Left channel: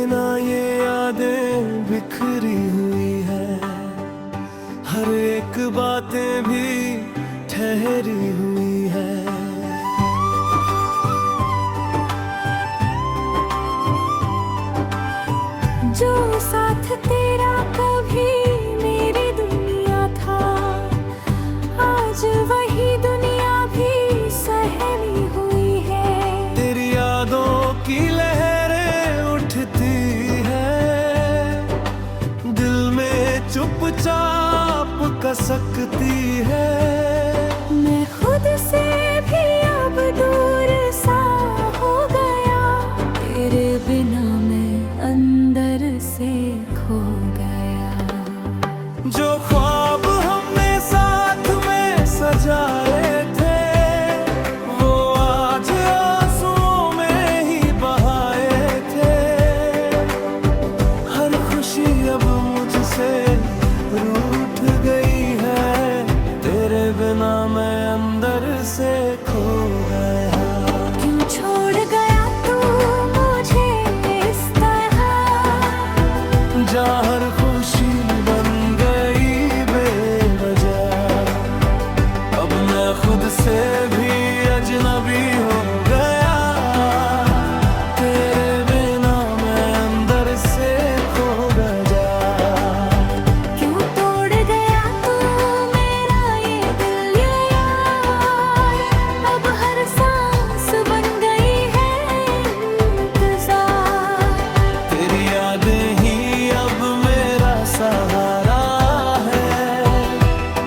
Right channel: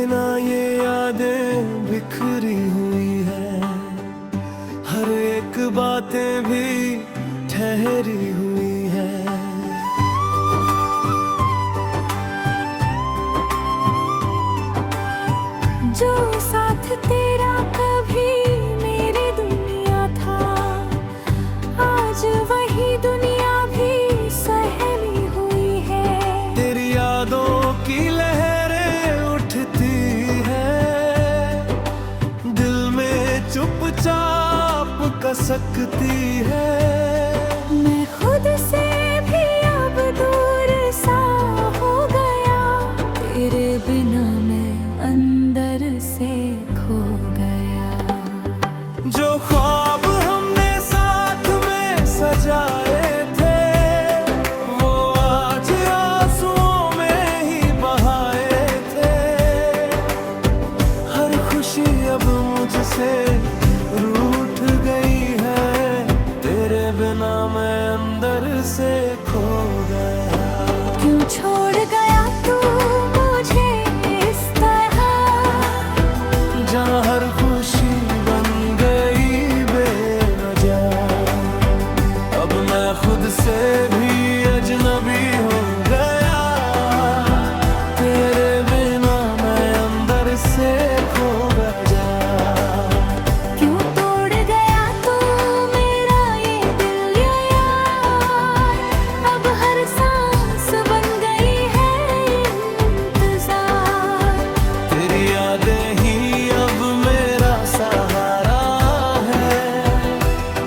बिना ये यादें बिखरी हुई है, हर एक बातें भी ठहरी हुई है। जो साथ तेरा कभी मेरी दुनिया था, आज वही दुनिया भी सहमी हुई है। तेरी यादों की लहरें उठती है, दिल में चुपचाप कसकती है। मैं खुद से भी अब दूर सा हो गया, तेरे बिना मैं अंदर से खो गया। जो ख्वाब हमने साथ में सजाए थे, वो आज आंसुओं में ही बहाए थे। हर खुशी अब मुझसे रूठ गई है, तेरे बिना मैं अंदर से खो गया। क्यों छोड़ गया तू मुझे इस तरह, जहाँ हर खुशी बन गई बेवजह। अब मैं खुद से भी अजनबी हो गया, तेरे बिना मैं अंदर से खो गया। क्यों तोड़ गया तू मेरा ये दिल ये यार, अब हर सांस बन गई है इंतजार। तेरी यादें ही अब मेरा सहारा है,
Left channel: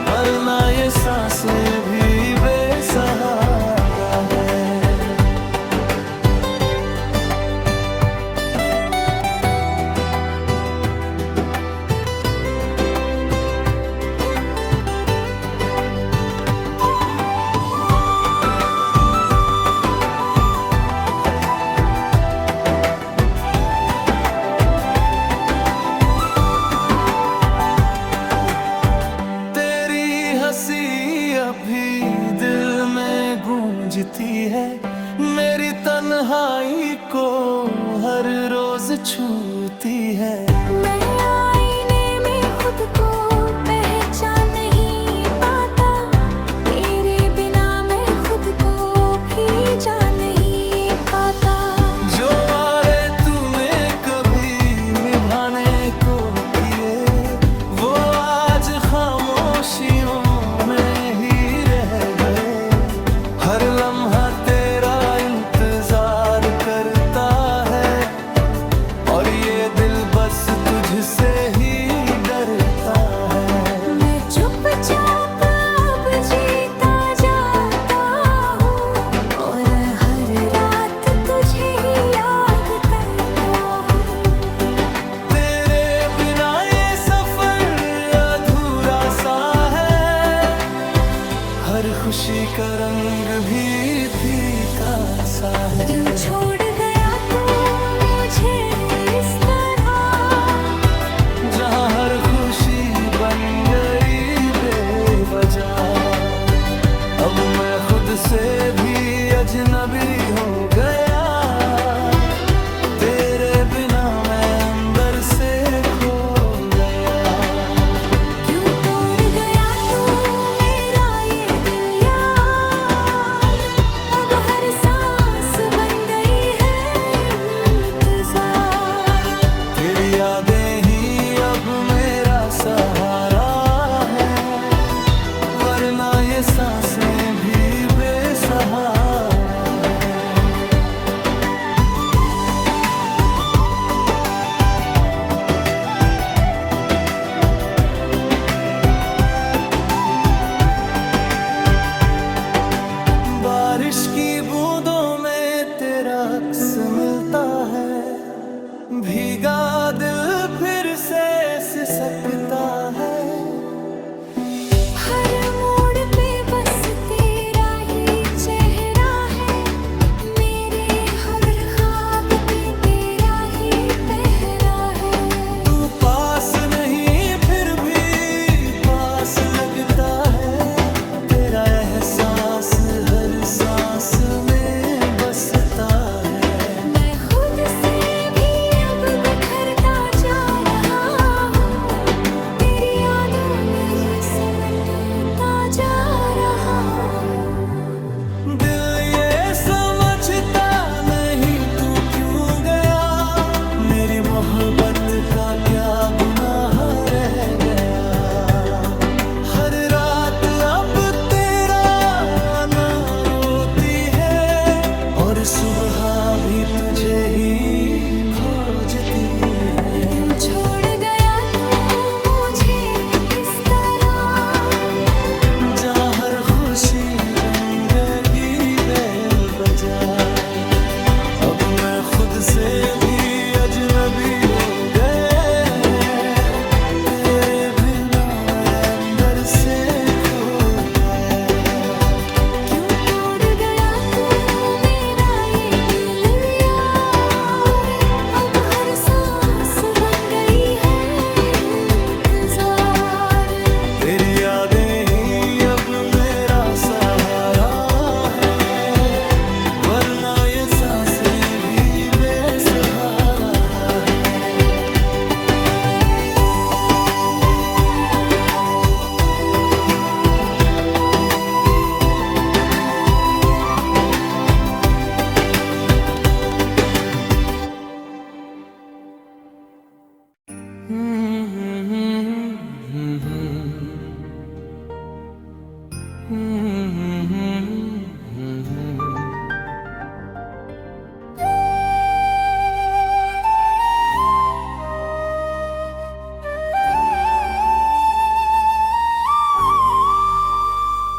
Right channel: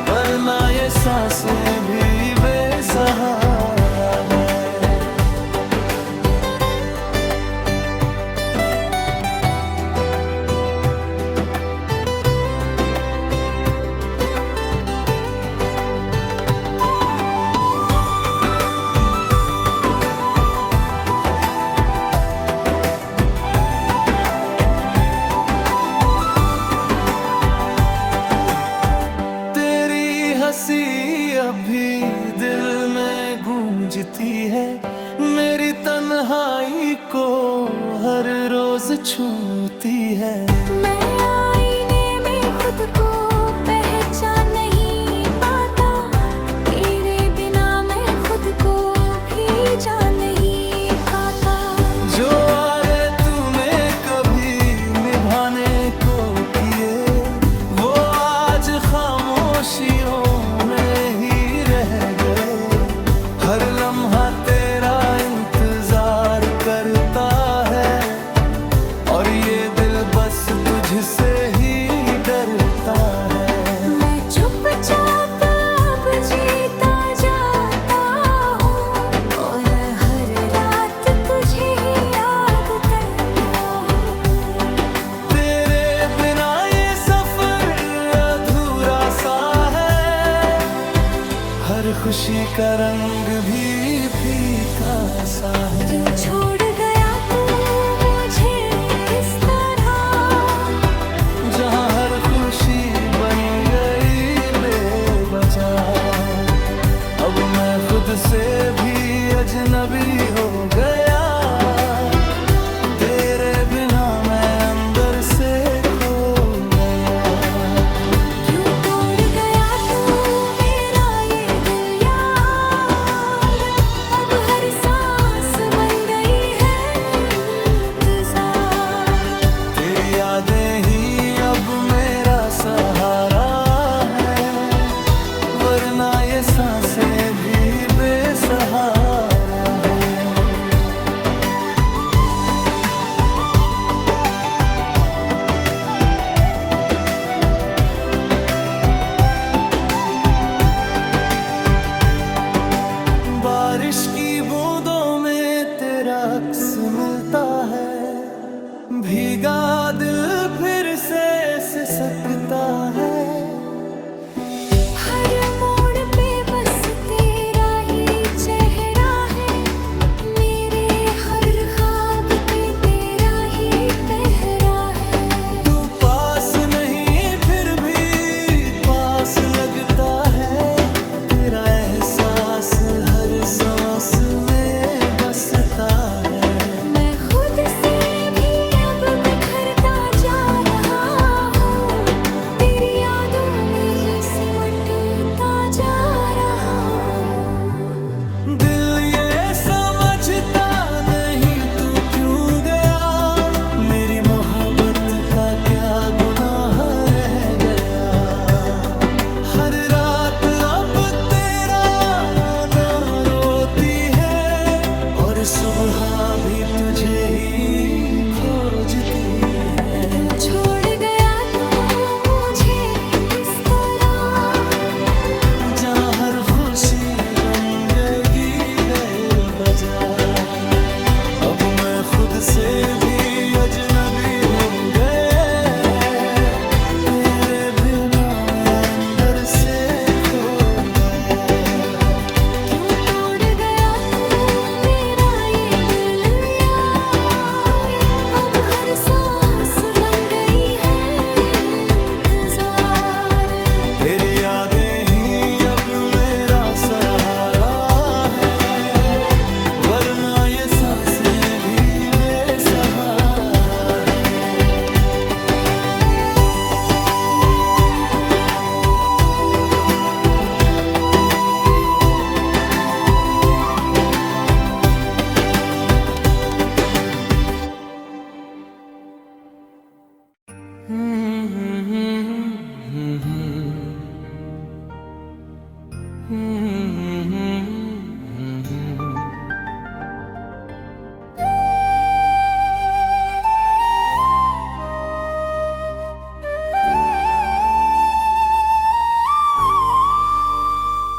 वरना ये सांसें भी बेसहारा है। हंसी अभी दिल में गूंजती है, मेरी तन्हाई को हर रोज छूती है। मैं आईने में खुद को पहचान नहीं पाता, तेरे बिना मैं खुद को भी जान नहीं पाता। जो वादे तूने कभी निभाने को किए, वो आज खामोशियों में ही रह गए। हर लम्हा तेरा इंतजार करता है, और ये दिल बस तुझसे ही डरता है। मैं चुपचाप अब जीता जाता हूँ, और हर रात तुझे ही याद करता हूँ। तेरे बिना ये सफर अधूरा सा है, हर खुशी का रंग भी फीका सा है। क्यों छोड़ गया तू मुझे इस तरह, जहाँ हर खुशी बन गई बेवजह। अब मैं खुद से भी अजनबी हो गया, तेरे बिना मैं अंदर से खो गया। क्यों तोड़ गया तू मेरा ये दिल यार, अब हर सांस बन गई है इंतजार। तेरी यादें ही अब मेरा सहारा है, वरना ये सांसें भी बेसहारा है। बारिश की बूंदों में तेरा अक्स मिलता है, भीगा दिल फिर से सिसकता है। हर मोड़ पे बस तेरा ही चेहरा है, मेरे हर ख्वाब पे तेरा ही पहरा है। तू पास नहीं फिर भी पास लगता है, तेरा एहसास हर सांस में बसता है। मैं खुद से भी अब मोहब्बत का क्या गुनाह रह गया। हर रात अब तेरा ना रोती है और सुबह भी तुझे ही खोजती है। क्यों छोड़ गया तू मुझे इस तरह, जहाँ हर खुशी बन गई बेवजह। अब मैं खुद से भी अजनबी हो गया, तेरे बिना मैं अंदर से खो गया। क्यों तोड़ गया तू मेरा ये दिल यार, अब हर सांस बन गई है इंतजार। तेरी यादें ही अब मेरा सहारा है, वरना ये सांसें भी बेसहारा है।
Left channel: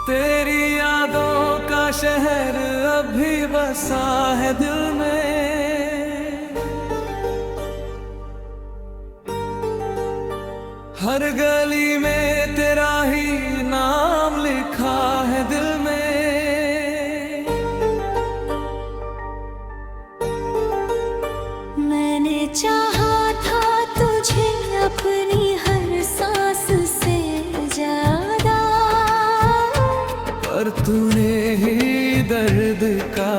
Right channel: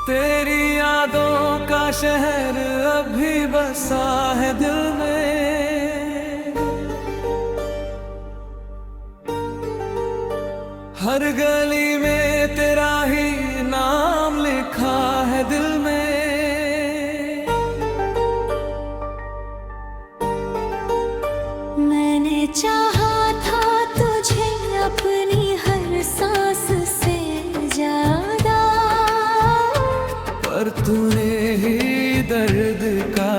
तेरी यादों का शहर अभी बसा है दिल में, हर गली में तेरा ही नाम लिखा है दिल में। मैंने चाहा था तुझे अपनी हर सांस से ज्यादा, पर तूने ही दर्द का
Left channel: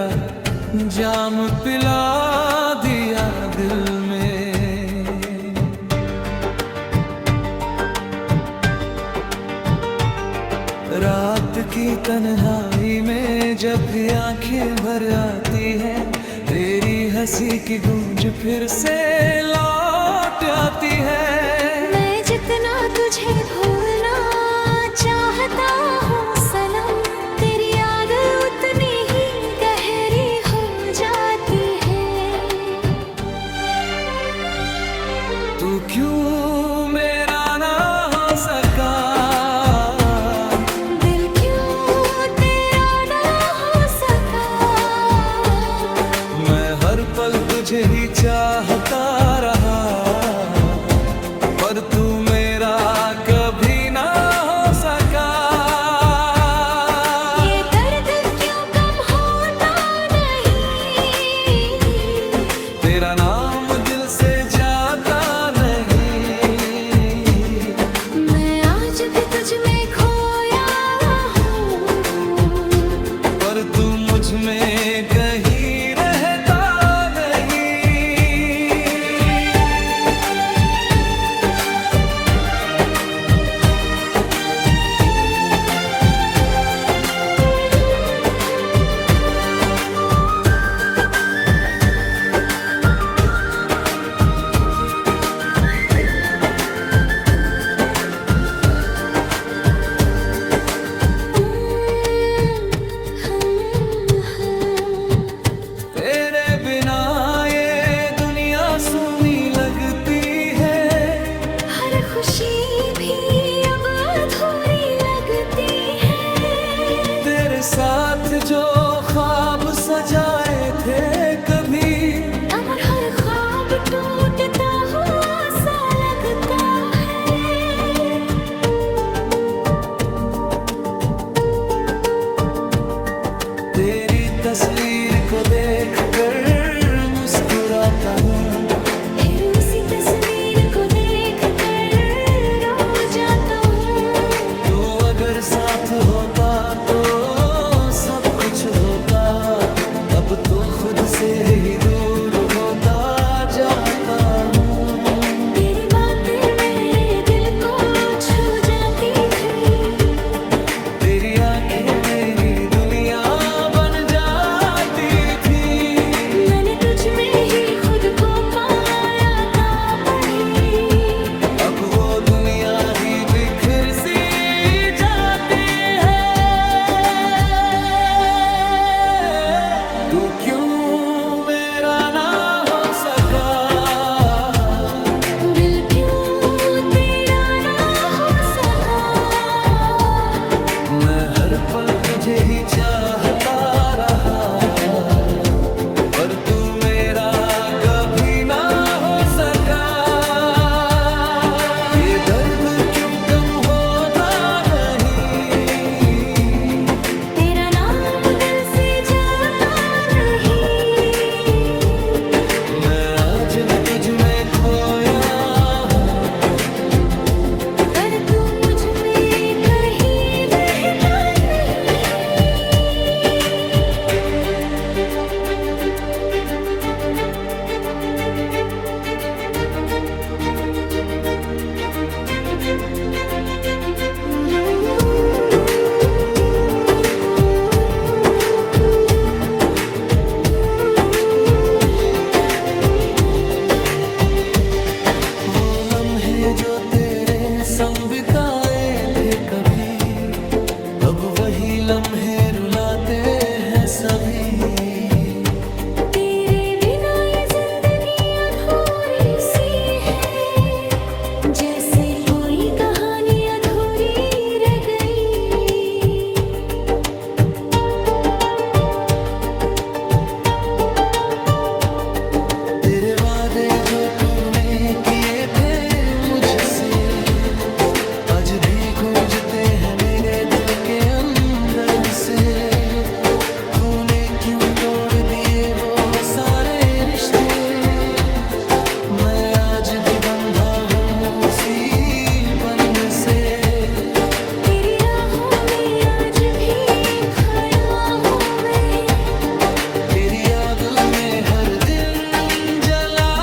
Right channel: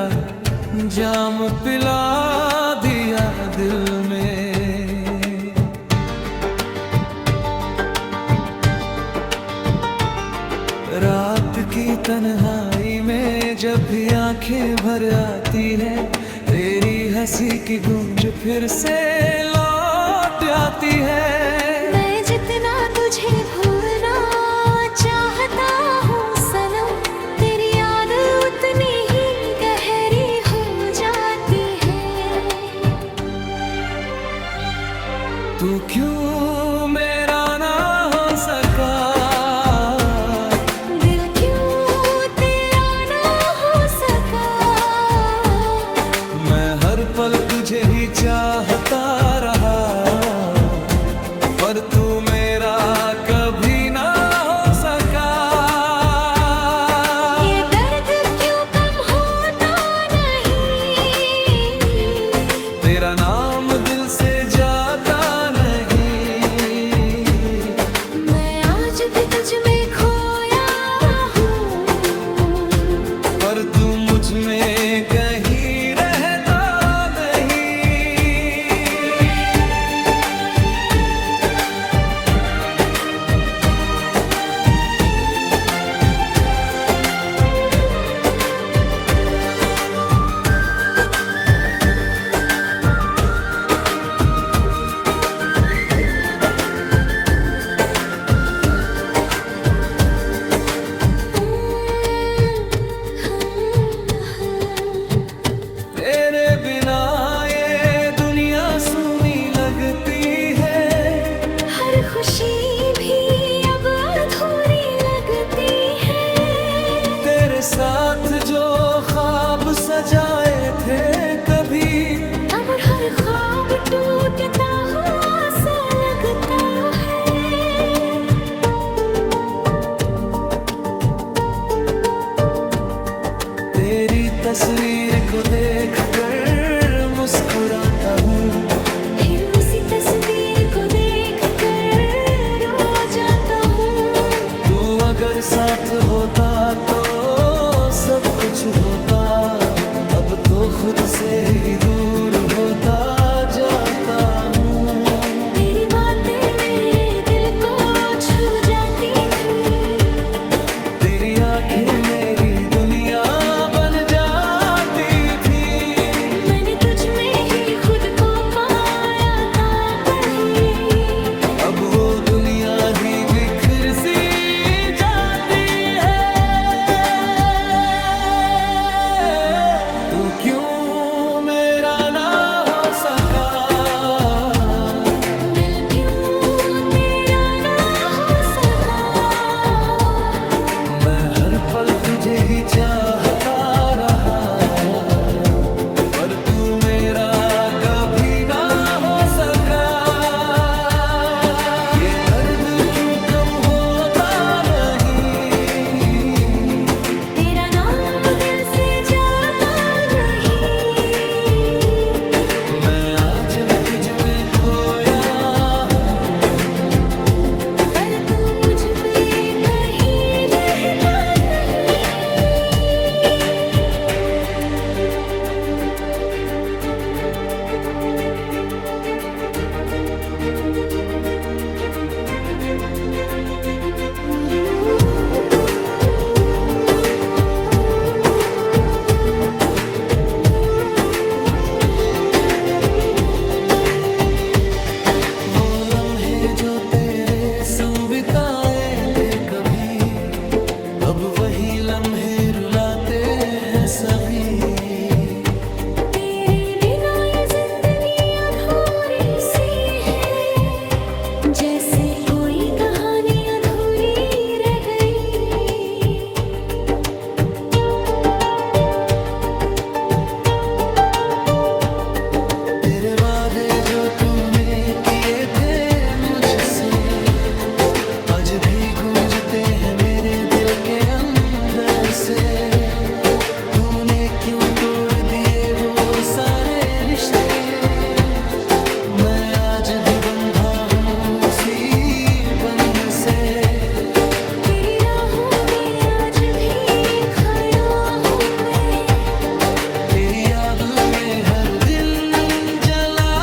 जाम पिला दिया दिल में। रात की तन्हाई में जब भी आंखें भर आती है, तेरी हंसी की गूंज फिर से लौट आती है। मैं जितना तुझे भूलना चाहता हूँ सनम, तेरी याद उतनी ही गहरी हो जाती है। तू क्यों मेरा ना हो सका, दिल क्यों तेरा ना हो सका। मैं हर पल तुझे ही चाहता रहा, पर तू मेरा कभी ना हो सका। ये दर्द क्यों कम होता नहीं, तेरा नाम दिल से जाता नहीं। मैं आज भी तुझ में खोया हूँ, पर तू मुझ में कहीं रहता नहीं। तेरे बिना ये दुनिया सूनी लगती है, हर खुशी भी अब अधूरी लगती है। तेरे साथ जो ख्वाब सजाए थे कभी, अब हर ख्वाब टूटता हुआ सा लगता है। तेरी तस्वीर को देखकर मुस्कुराता हूँ, फिर उसी तस्वीर को देख कर रो जाता हूँ। तू अगर साथ होता तो सब कुछ होता, अब तो खुद से ही दूर होता जाता हूँ। तेरी बातें मेरे दिल को छू जाती थी, तेरी आंखें मेरी दुनिया बन जाती थी। मैंने तुझ में ही खुद को पाया था, पर हर पल तुझे ही चाहता रहा, पर तू मेरा कभी ना हो सका। ये दर्द क्यों कम होता नहीं, तेरा नाम दिल से जाता नहीं। मैं आज भी तुझ में खोया हूँ, पर तू मुझ में कहीं रहता नहीं। वो लम्हे जो तेरे संग बिताए थे कभी, अब वही लम्हे रुलाते हैं सभी। तेरे बिना ये जिंदगी अधूरी सी है, जैसे कोई कहानी अधूरी रह गई। तेरे वादे जो तूने किए थे मुझसे, आज भी गूंजते हैं मेरे दिल के अंदर से। तूने क्यों तोड़ दिए वो सारे रिश्ते, मैं आज भी बंधा हूँ उसी बंधन से। तेरी राहों में आज भी खड़ा हूँ मैं, तेरी याद में हर दिन जला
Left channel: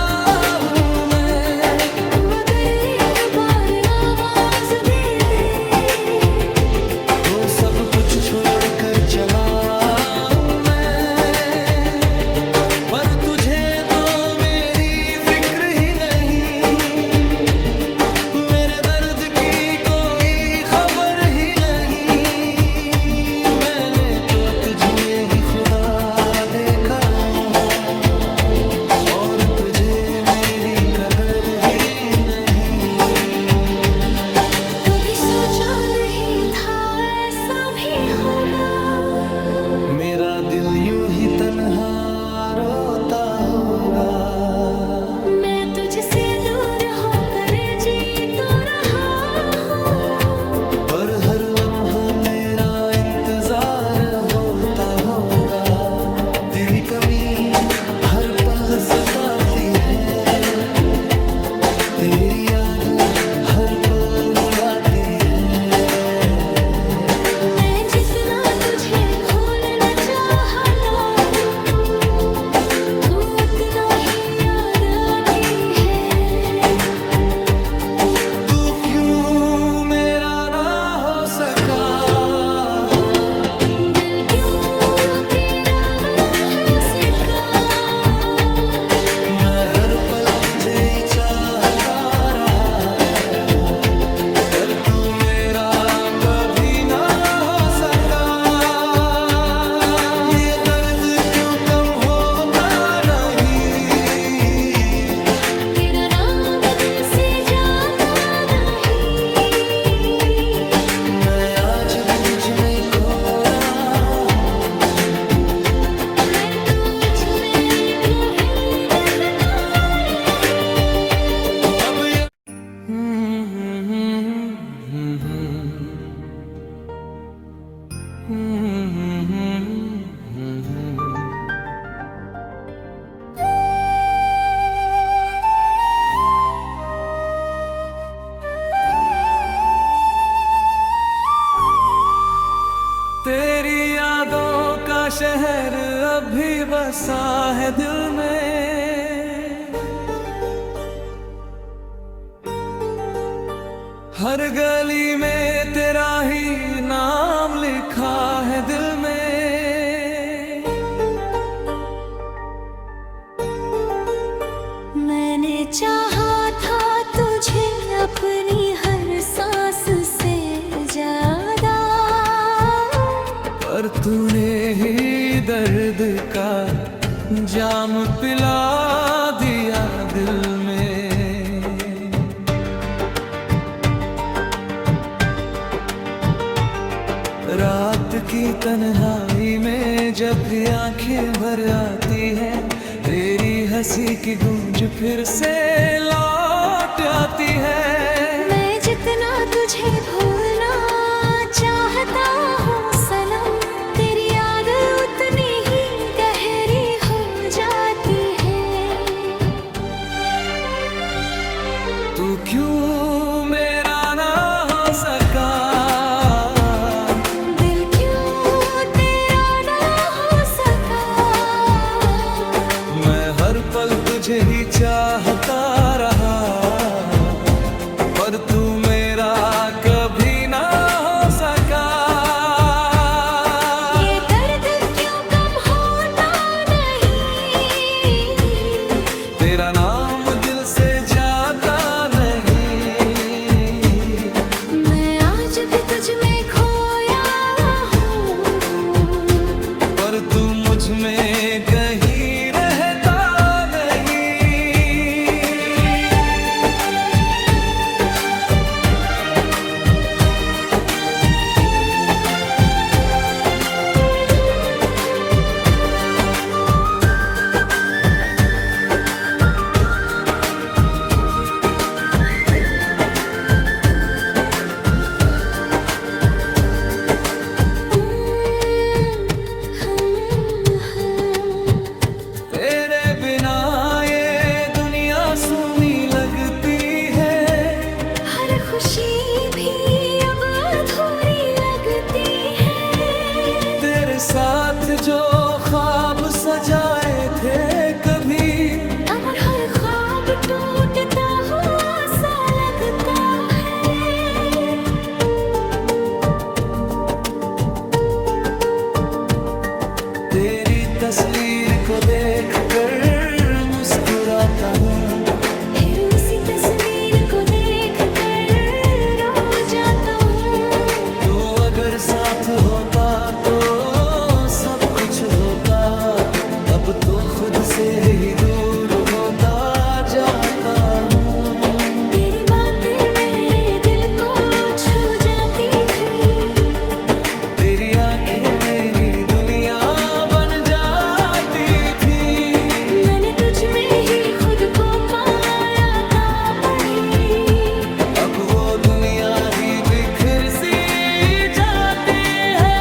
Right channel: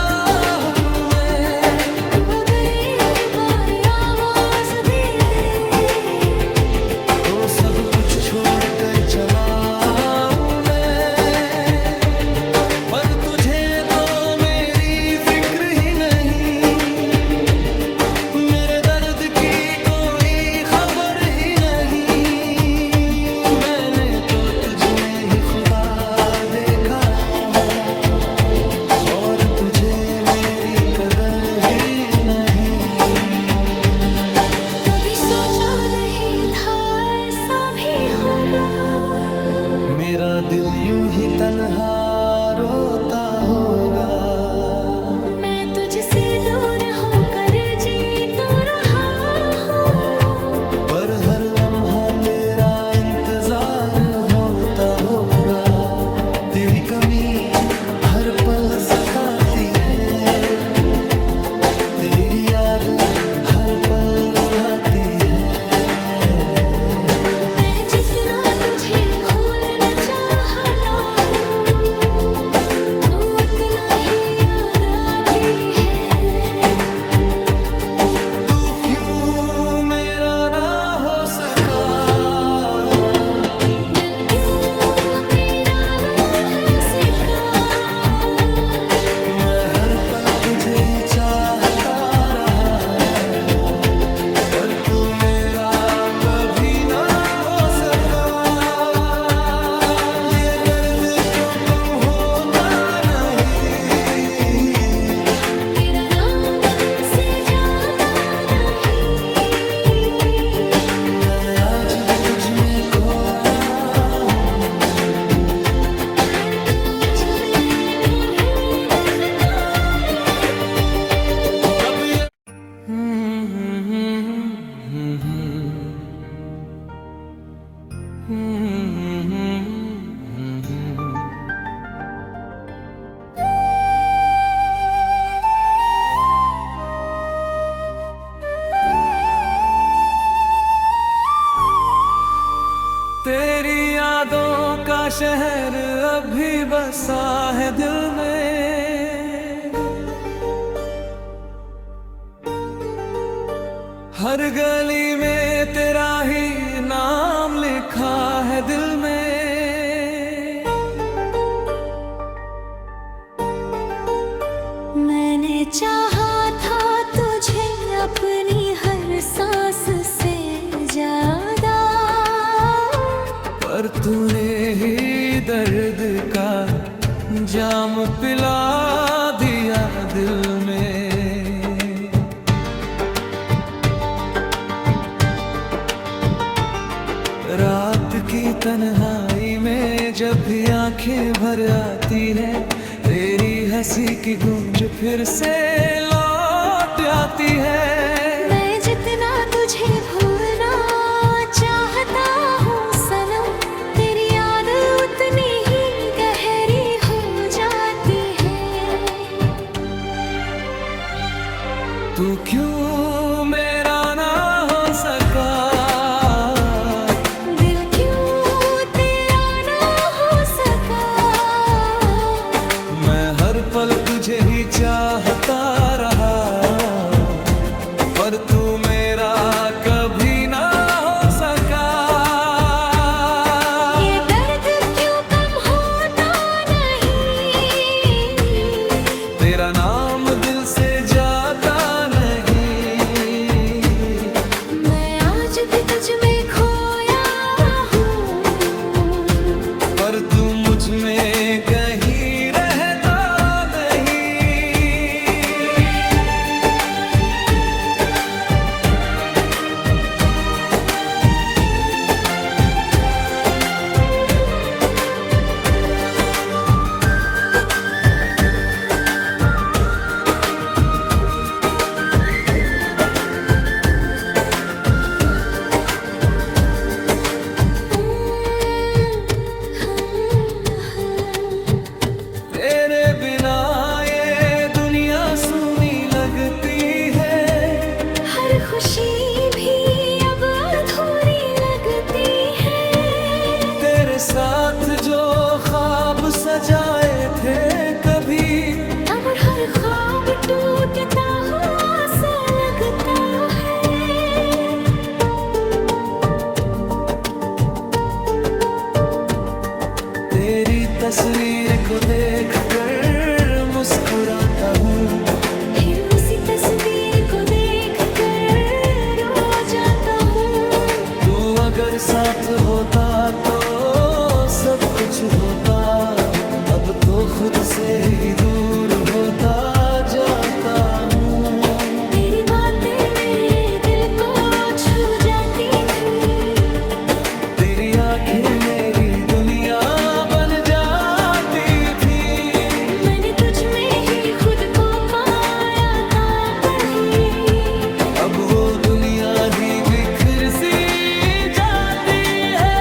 हूँ मैं। तू अगर एक बार आवाज दे दे, तो सब कुछ छोड़ कर चला हूँ मैं, पर तुझे तो मेरी फिक्र ही नहीं, मेरे दर्द की कोई खबर ही नहीं। मैंने तो तुझ में ही खुदा देखा, और तुझे मेरी कदर ही नहीं। कभी सोचा नहीं था ऐसा भी होगा, मेरा दिल यूं ही तन्हा रोता होगा। मैं तुझसे दूर होकर जी तो रहा हूँ, पर हर लम्हा तेरा इंतजार होता होगा। तेरी कमी हर पल सताती है, तेरी याद हर पल रुलाती है। मैं जितना तुझे भूलना चाहता हूँ, तू उतना ही याद आती है। तू क्यों मेरा ना हो सका, दिल क्यों तेरा ना हो सका। मैं हर पल तुझे ही चाहता रहा, पर तू मेरा कभी ना हो सका। ये दर्द क्यों कम होता नहीं, तेरा नाम दिल से जाता नहीं। मैं आज भी तुझ में खोया हूँ, मर तुझ में वही रखता रही। अब ये तेरी यादों का शहर अभी बसा है दिल में, हर गली में तेरा ही नाम लिखा है दिल में। मैंने चाहा था तुझे अपनी हर सांस से ज्यादा, पर तूने ही दर्द का जाम पिला दिया दिल में। रात की तन्हाई में जब भी आंखें भर आती है, तेरी हंसी की गूंज फिर से लौट आती है। मैं जितना तुझे भूलना चाहता हूँ सनम, तेरी याद उतनी ही गहरी हो जाती है। तू क्यों मेरा ना हो सका, दिल क्यों तेरा ना हो सका। मैं हर पल तुझे ही चाहता रहा, पर तू मेरा कभी ना हो सका। ये दर्द क्यों कम होता नहीं, तेरा नाम दिल से जाता नहीं। मैं आज भी तुझ में खोया हूँ, पर तू मुझ में कहीं रहता नहीं। तेरे बिना ये दुनिया सूनी लगती है, हर खुशी भी अब अधूरी लगती है। तेरे साथ जो ख्वाब सजाए थे कभी, अब हर ख्वाब टूटता हुआ सा लगता है। तेरी तस्वीर को देखकर मुस्कुराता हूँ, फिर उसी तस्वीर को देख कर रो जाता हूँ। तू अगर साथ होता तो सब कुछ होता, अब तो खुद से ही दूर होता जाता हूँ। तेरी बातें मेरे दिल को छू जाती थी, तेरी आंखें मेरी दुनिया बन जाती थी। मैंने तुझ में ही खुद को पाया था पही, अब वो दुनिया ही बिखर सी जाती है।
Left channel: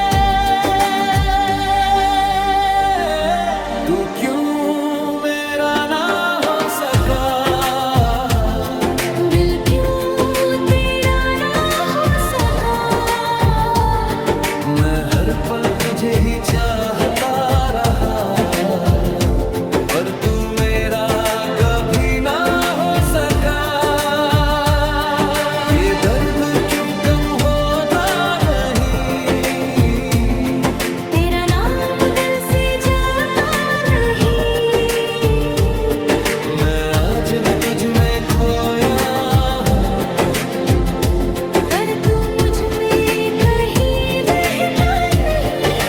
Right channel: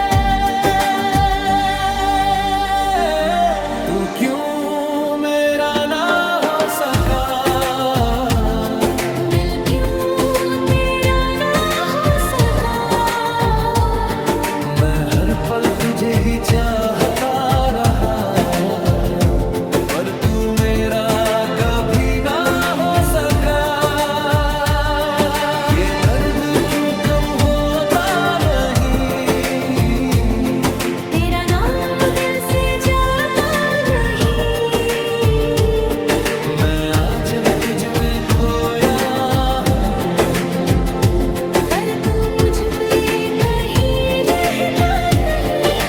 तू क्यों मेरा ना हो सका, दिल क्यों तेरा ना हो सका। मैं हर पल तुझे ही चाहता रहा, पर तू मेरा कभी ना हो सका। ये दर्द क्यों कम होता नहीं, तेरा नाम दिल से जाता नहीं। मैं आज भी तुझ में खोया हूँ, पर तू मुझ में कहीं रहता नहीं।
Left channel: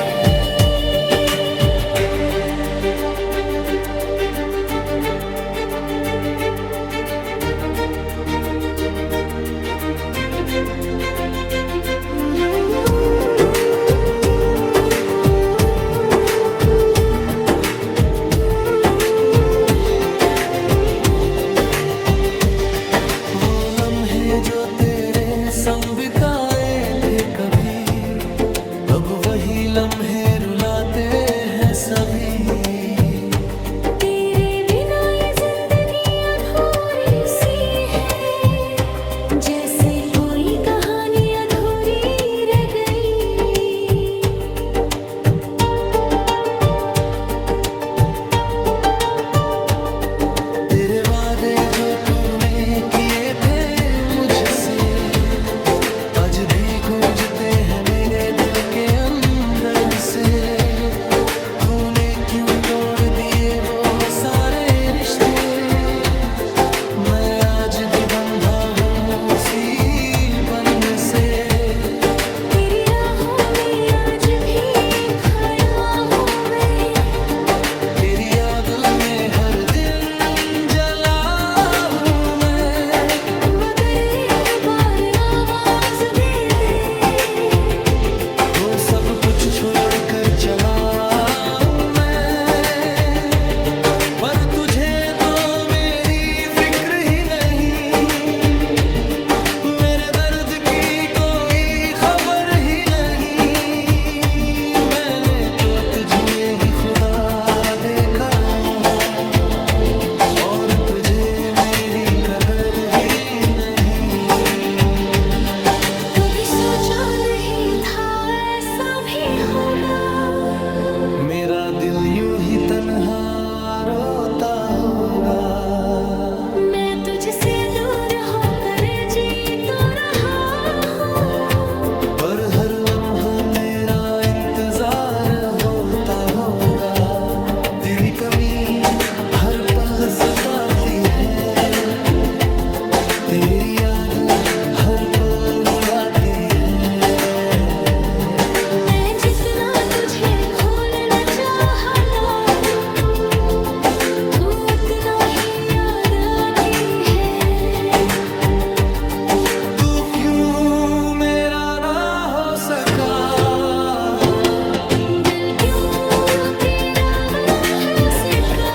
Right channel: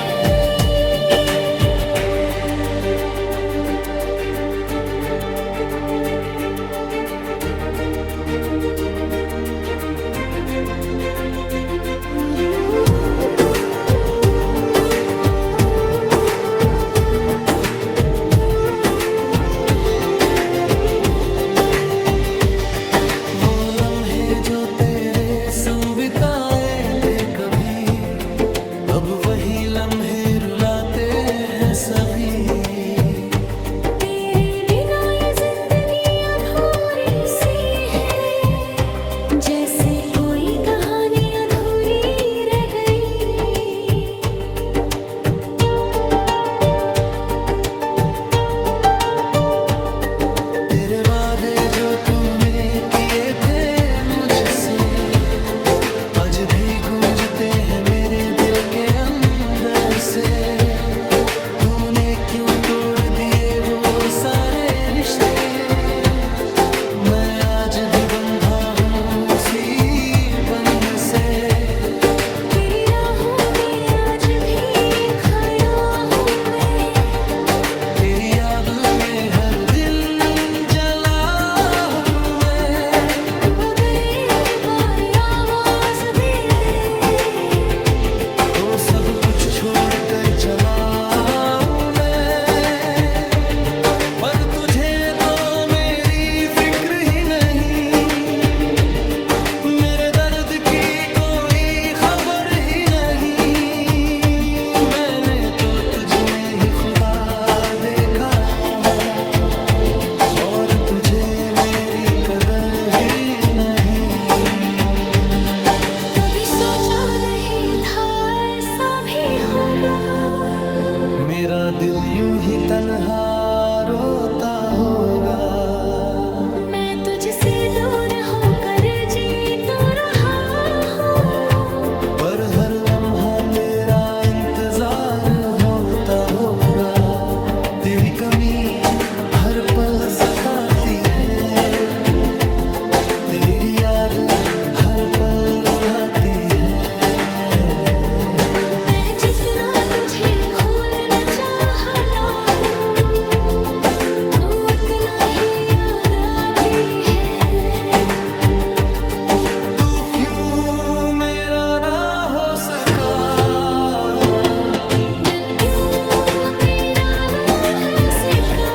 वो लम्हे जो तेरे संग बिताए थे कभी, अब वही लम्हे रुलाते हैं सभी। तेरे बिना ये जिंदगी अधूरी सी है, जैसे कोई कहानी अधूरी रह गई। तेरे वादे जो तूने किए थे मुझसे, आज भी गूंजते हैं मेरे दिल के अंदर से। तूने क्यों तोड़ दिए वो सारे रिश्ते, मैं आज भी बंधा हूँ उसी बंधन से। तेरी राहों में आज भी खड़ा हूँ मैं, तेरी याद में हर दिल जला हूँ मैं। तू अगर एक बार आवाज दे दे, हो सब कुछ छोड़ कर चला हूं मैं, पर तुझे तो मेरी फिक्र ही नहीं, मेरे दर्द की कोई खबर ही नहीं। मैंने तो तुझ में ही खुदा देखा, और तुझे मेरी कदर ही नहीं। कभी सोचा नहीं था ऐसा भी होगा, मेरा दिल यूं ही तन्हा रोता होगा। मैं तुझसे दूर होकर जी तो रहा हूँ, पर हर लम्हा तेरा इंतजार होता होगा। तेरी कमी हर पल सताती है, तेरी याद हर पल रुलाती है। मैं जितना तुझे भूलना चाहता हूँ, तू उतना ही याद आती है। तू क्यों मेरा ना हो सका, दिल क्यों तेरा ना हो सका।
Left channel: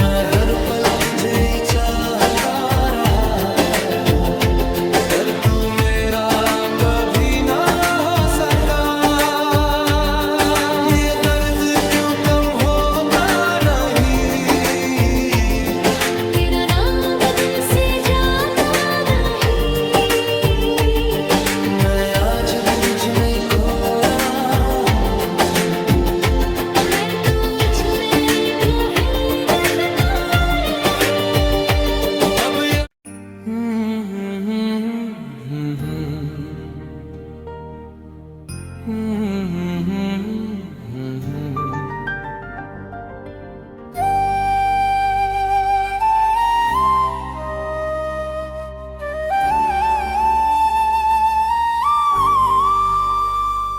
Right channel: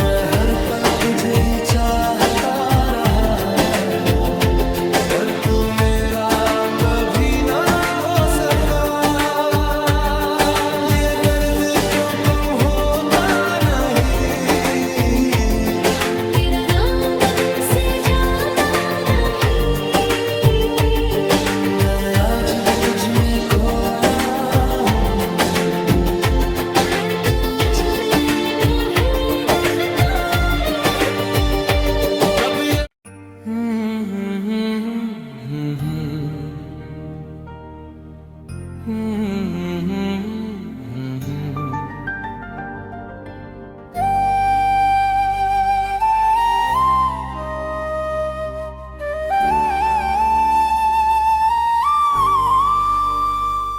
मैं हर पल तुझे ही चाहता रहा, पर तू मेरा कभी ना हो सका। ये दर्द क्यों कम होता नहीं, तेरा नाम दिल से जाता नहीं। मैं आज भी तुझ में खोया हूँ, मैं तुझ में खो ही लगता रही। अब ये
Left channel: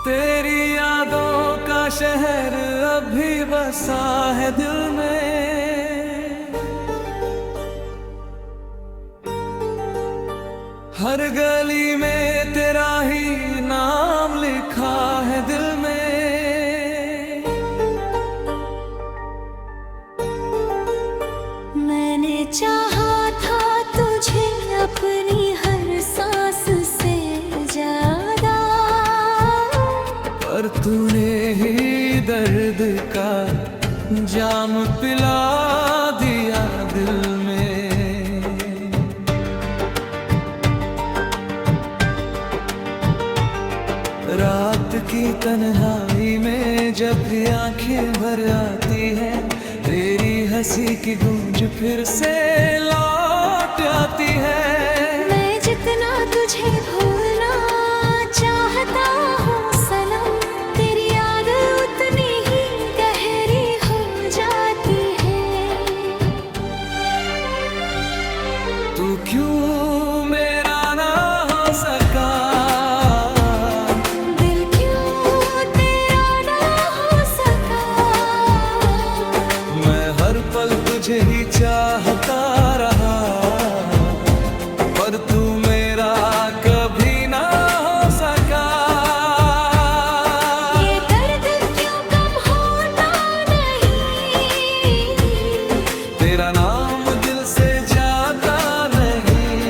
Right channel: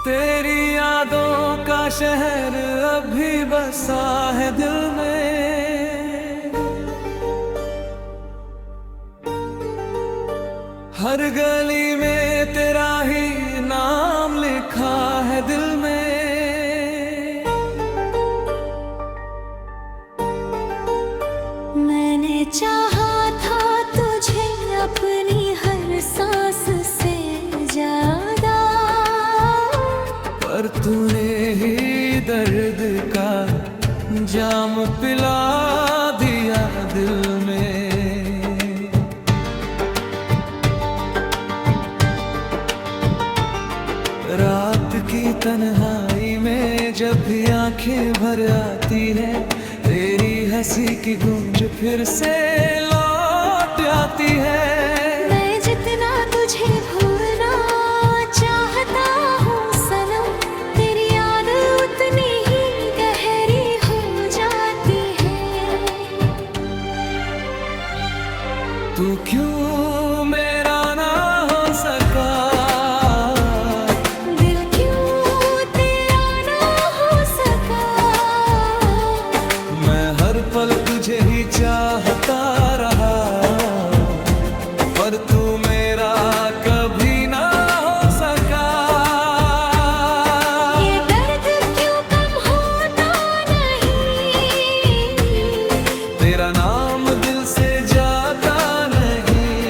तेरी यादों का शहर अभी बसा है दिल में, हर गली में तेरा ही नाम लिखा है दिल में। मैंने चाहा था तुझे अपनी हर सांस से ज्यादा, पर तूने ही दर्द का जाम पिला दिया दिल में। रात की तन्हाई में जब भी आंखें भर आती है, तेरी हंसी की गूंज फिर से लौट आती है। मैं जितना तुझे भूलना चाहता हूँ सनम, तेरी याद उतनी ही गहरी हो जाती है। तू क्यों मेरा ना हो सका, दिल क्यों तेरा ना हो सका। मैं हर पल तुझे ही चाहता रहा, पर तू मेरा कभी ना हो सका। ये दर्द क्यों कम होता नहीं, तेरा नाम दिल से जाता नहीं।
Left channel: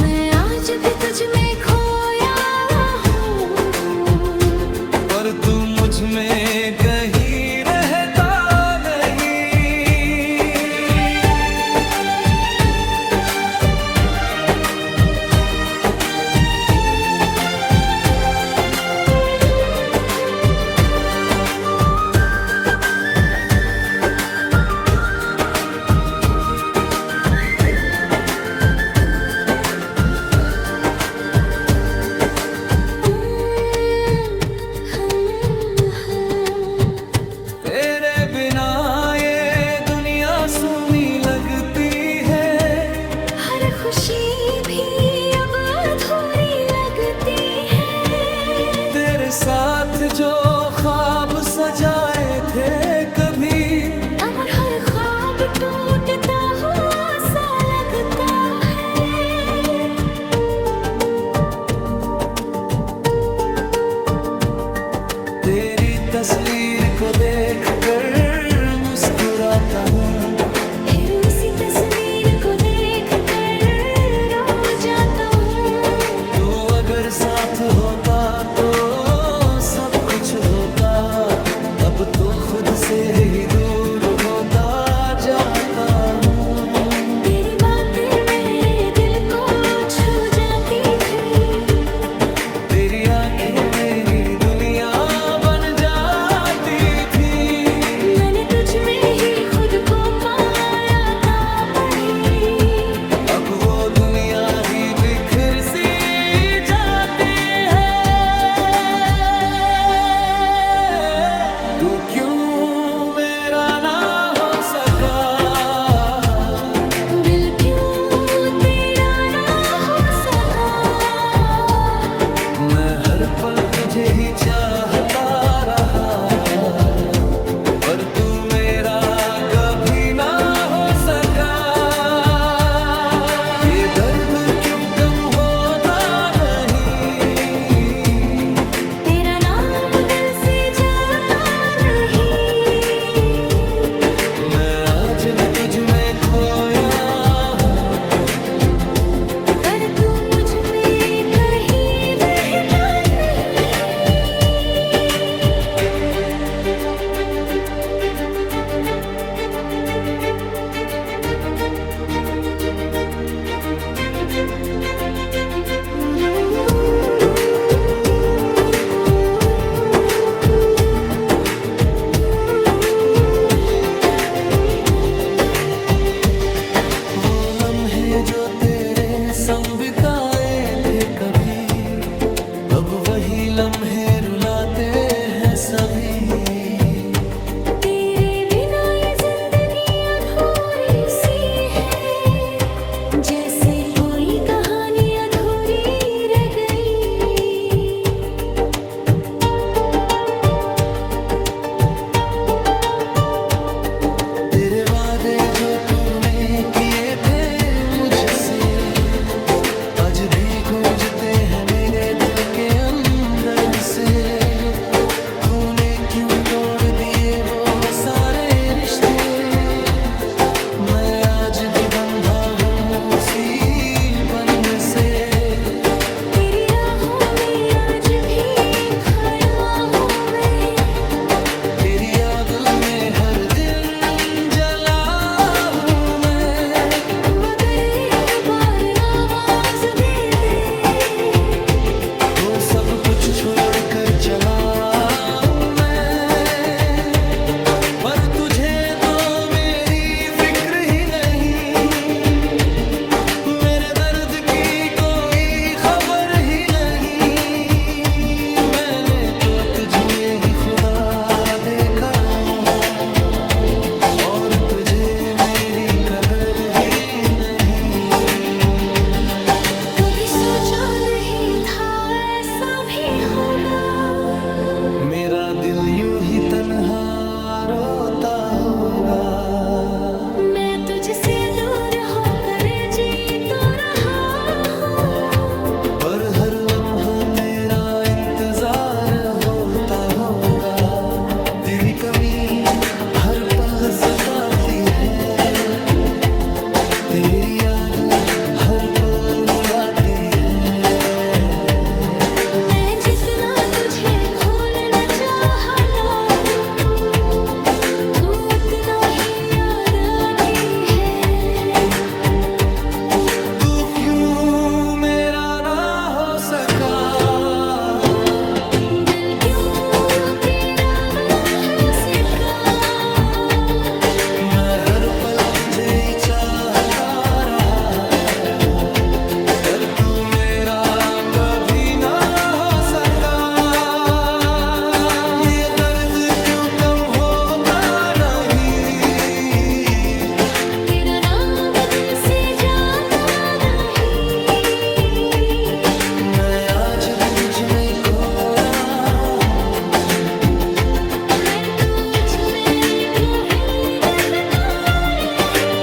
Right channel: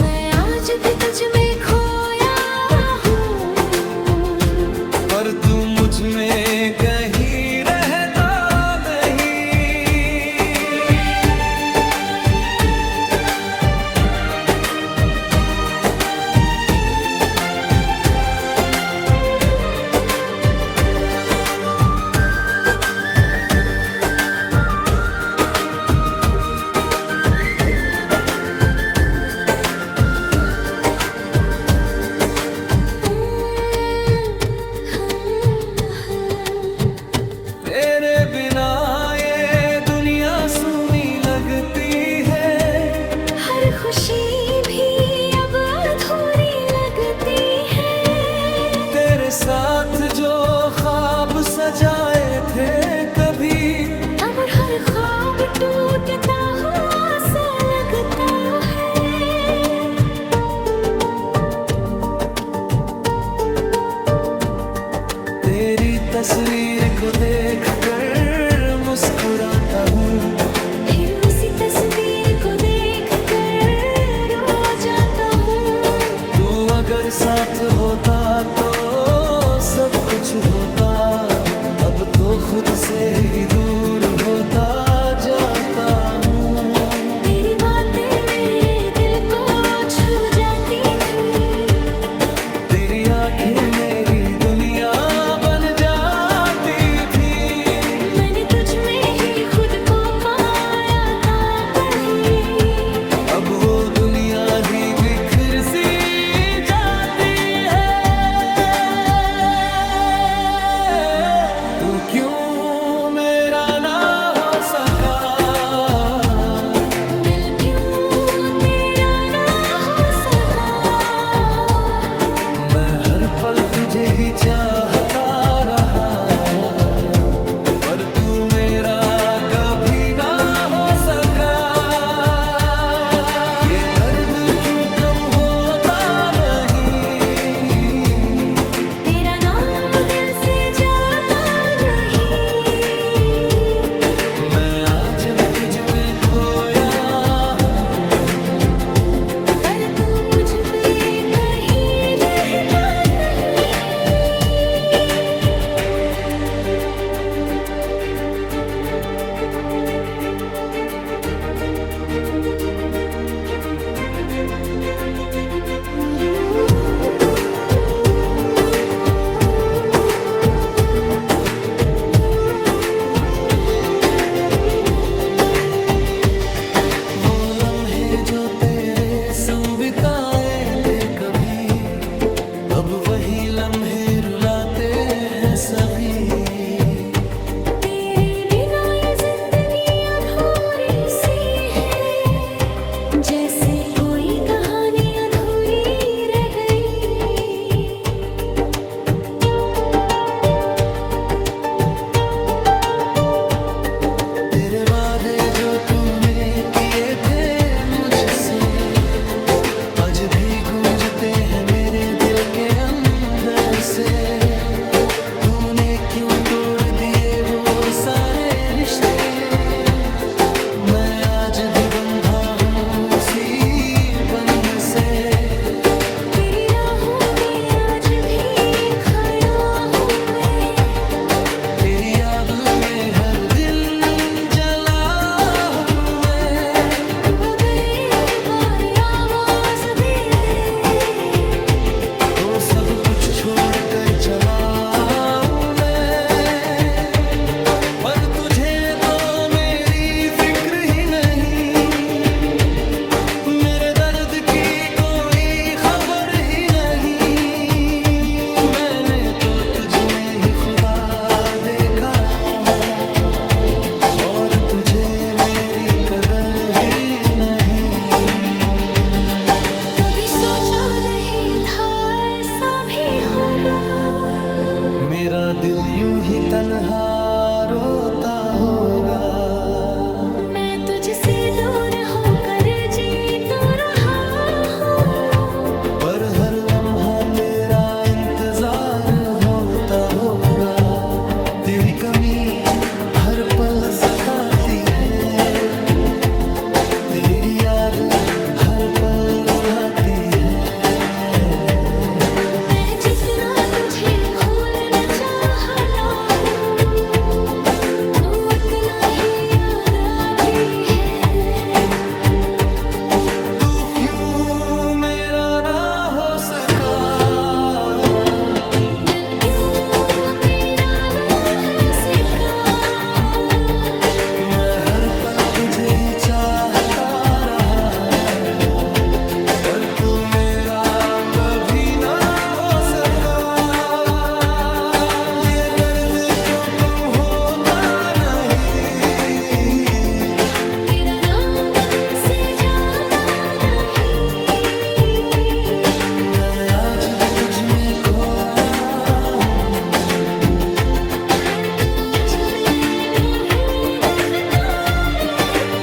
मैं आज भी तुझ में खोया हूँ, पर तू मुझ में कहीं रहता नहीं। तेरे बिना ये दुनिया सूनी लगती है, हर खुशी भी अब अधूरी लगती है। तेरे साथ जो ख्वाब सजाए थे कभी, अब हर ख्वाब टूटता हुआ सा लगता है। तस्वीर को देखकर मुस्कुराता हूँ, फिर उसी तस्वीर को देख कर रो जाता हूँ। तू अगर साथ होता तो सब कुछ होता, अब तो खुद से ही दूर होता जाता हूँ। तेरी बातें मेरे दिल को छू जाती थी, तेरी आंखें मेरी दुनिया बन जाती थी। मैंने तुझ में ही खुद को पाया था पहली, अब वो दुनिया ही बिखर सी जाती है। तू क्यों मेरा ना हो सका, दिल क्यों तेरा ना हो सका। मैं हर पल तुझे ही चाहता रहा, पर तू मेरा कभी ना हो सका। ये दर्द क्यों कम होता नहीं, तेरा नाम दिल से जाता नहीं। मैं आज भी तुझ में खोया हूँ, पर तू मुझ में कहीं रहता नहीं। वो लम्हे जो तेरे संग बिताए थे कभी, अब वही लम्हे रुलाते हैं सभी। तेरे बिना ये जिंदगी अधूरी सी है, जैसे कोई कहानी अधूरी रह गई। तेरे वादे जो तूने किए थे मुझसे, आज भी गूंजते हैं मेरे दिल के अंदर से। तूने क्यों तोड़ दिए वो सारे रिश्ते, मैं आज भी बंधा हूँ उसी बंधन से। तेरी राहों में आज भी खड़ा हूँ मैं, तेरी याद में हर दिन जला हूँ मैं। तू अगर एक बार आवाज दे दे, तो सब कुछ छोड़ कर चला हूँ मैं, पर तुझे तो मेरी फिक्र ही नहीं, मेरे दर्द की कोई खबर ही नहीं। मैंने तो तुझ में ही खुदा देखा, और तुझे मेरी कदर ही नहीं। कभी सोचा नहीं था ऐसा भी होगा, मेरा दिल यूं ही तन्हा रोता होगा। मैं तुझसे दूर होकर जी तो रहा हूँ, पर हर लम्हा तेरा इंतजार होता होगा। तेरी कमी हर पल सताती है, तेरी याद हर पल रुलाती है। मैं जितना तुझे भूलना चाहता हूँ, तू उतना ही याद आती है। तू क्यों मेरा ना हो सका, दिल क्यों तेरा ना हो सका। मैं हर पल तुझे ही चाहता रहा, पर तू मेरा कभी ना हो सका। ये दर्द क्यों कम होता नहीं, तेरा नाम दिल से जाता नहीं। मैं आज भी तुझ में खोया हूँ, मर तुझ में खो ही रहता रही।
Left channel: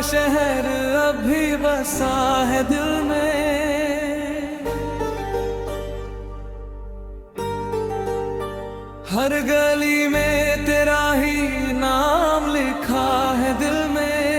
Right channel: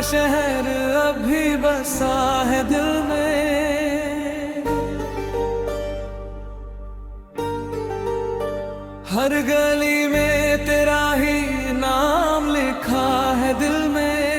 शहर अब भी बसा है दिल में। हर गली में तेरा ही नाम लिखा है दिल में।